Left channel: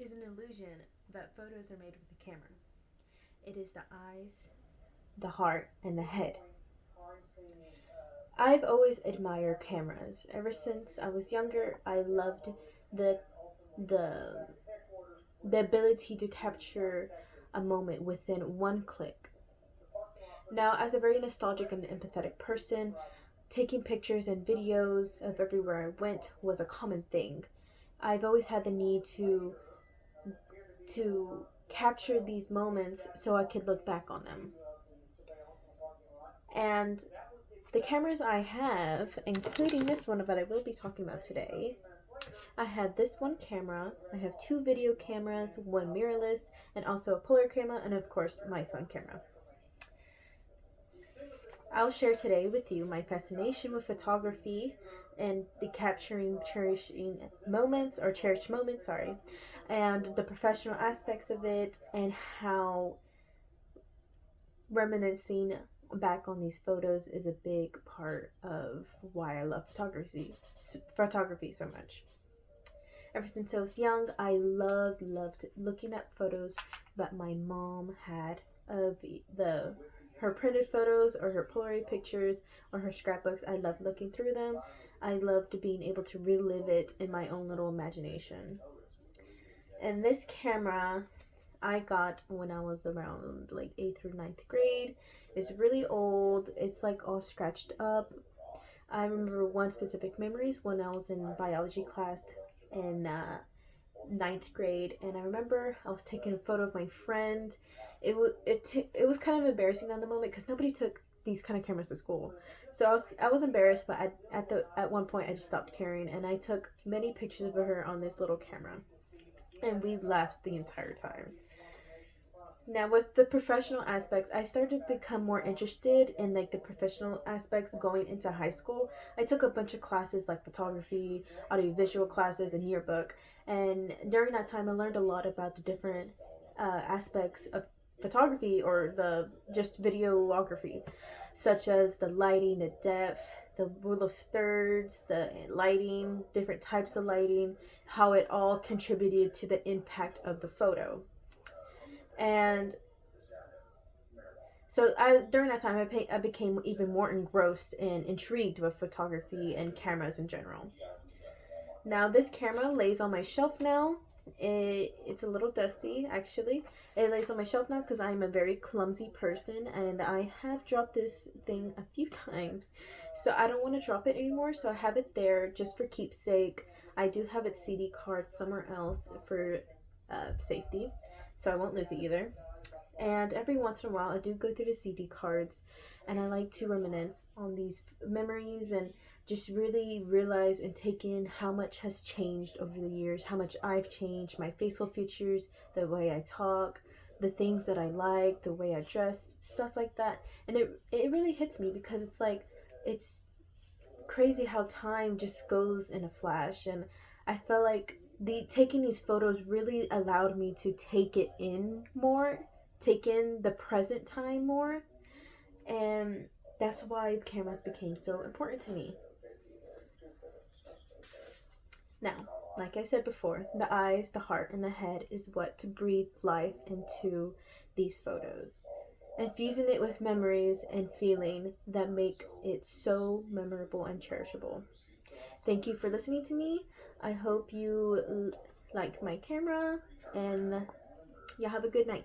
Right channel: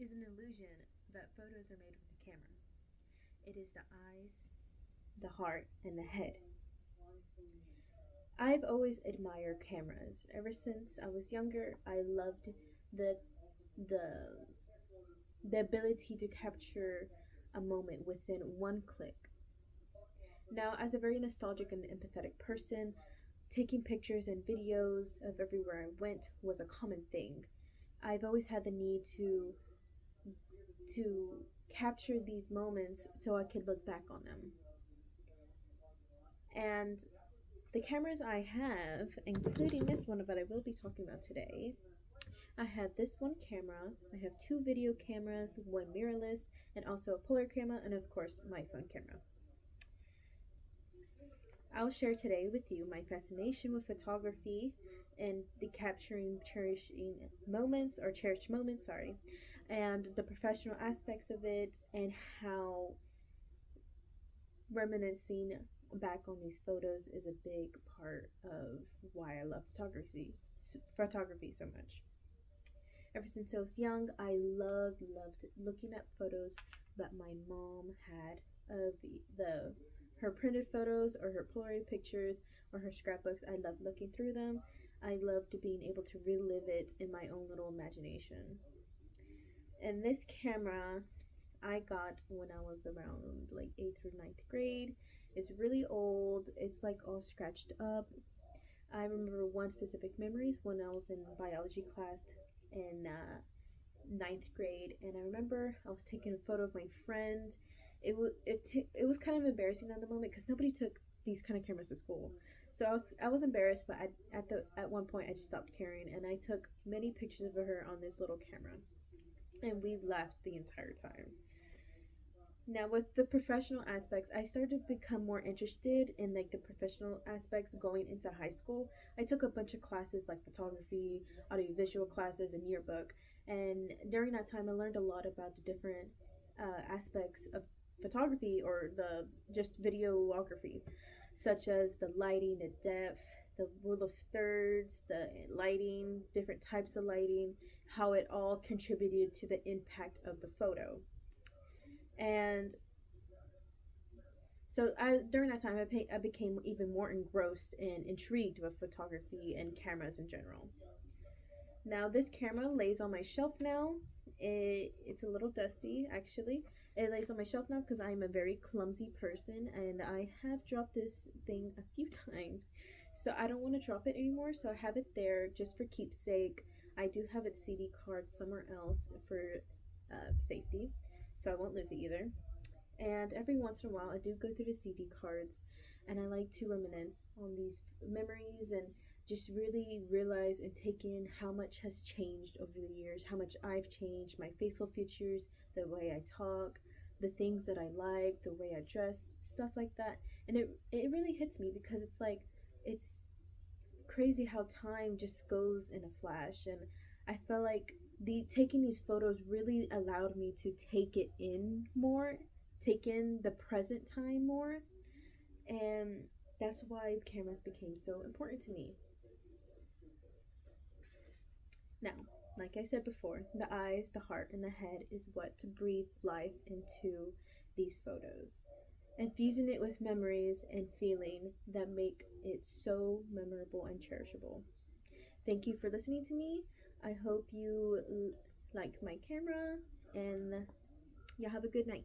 is an illusion that photos are made with a camera. It is the eyes, the heart, and the head. I've always admired cameras. Ever since I was younger, I loved the the the ability to capture a moment within one click. Now, as a very nostalgic and empathetic person, taking pictures and videos of everywhere I went was a common thing. I've always had the need to capture these moments so I could look back on them. And the cameras I have, including this one that I will be talking about today, I have this one camera, I have two video cameras, one mirrorless, and also a polar camera, and of course my phone camera. I'll share today with you my fascination with photography and the capturing cherishing moments or cherished moments, sorry, and the professional aspects of it and how reminiscing back on these photos is a big part of why I love photography so much. Ever since I was young, I loved looking at photos that my mom had of the her printed photos or her Polaroid pictures or her scrapbooks. I loved looking through them. I loved being able to relive it in my own little imagination. And this camera I got when I was around like 8th or ninth grade. It's really old. It's like all scratched up. I remember one specific memories when I was in biology class in ninth grade, and I remember I was taking a photo of my friend. It was kind of embarrassing at the moment because nobody took these kind of cameras to school, so I was embarrassed. But at one point I just stopped caring, and I took many pictures of her on this little camera, and we laughed the entire time. Now with the professional aspects, I started to become more interested in like the professional aspects going into high school. I took a bunch of classes like photography, audiovisual classes, and yearbook. And during that time, I learned a lot about the different aspects of photography or the just videography, such as the lighting, the depth, the rule of thirds, the lighting, different types of lighting, how it all contributed to the impact of the photo. And so during that time, I became even more engrossed and intrigued with photography and cameras in general. Now this camera lays on my shelf now. It's a little dusty actually. It lays on my shelf now because I'm a very clumsy person and I have dropped this thing a few times. So I don't want to drop it anymore, so I have it there just for keepsake. I do have its CD card somewhere else for safety, so I won't lose it either. And every once in a while, I do go through the CD cards and I like to reminisce on these memories and just really realize and take in how much has changed over the years, how much I've changed, my facial features, the way I talk, the things that I like, the way I dressed, stuff like that. And it really hits me because it's like, it's crazy how time just goes in a flash. And I felt like taking these photos really allowed me to take it in more, take in the present time more, and that's why cameras became so important to me. Now, like I said before, the eyes, the heart, and the head is what to breathe life into these photos, infusing it with memories and feeling that make it so memorable and cherishable. Thank you for listening to me. I hope you like my camera, and you have a good night.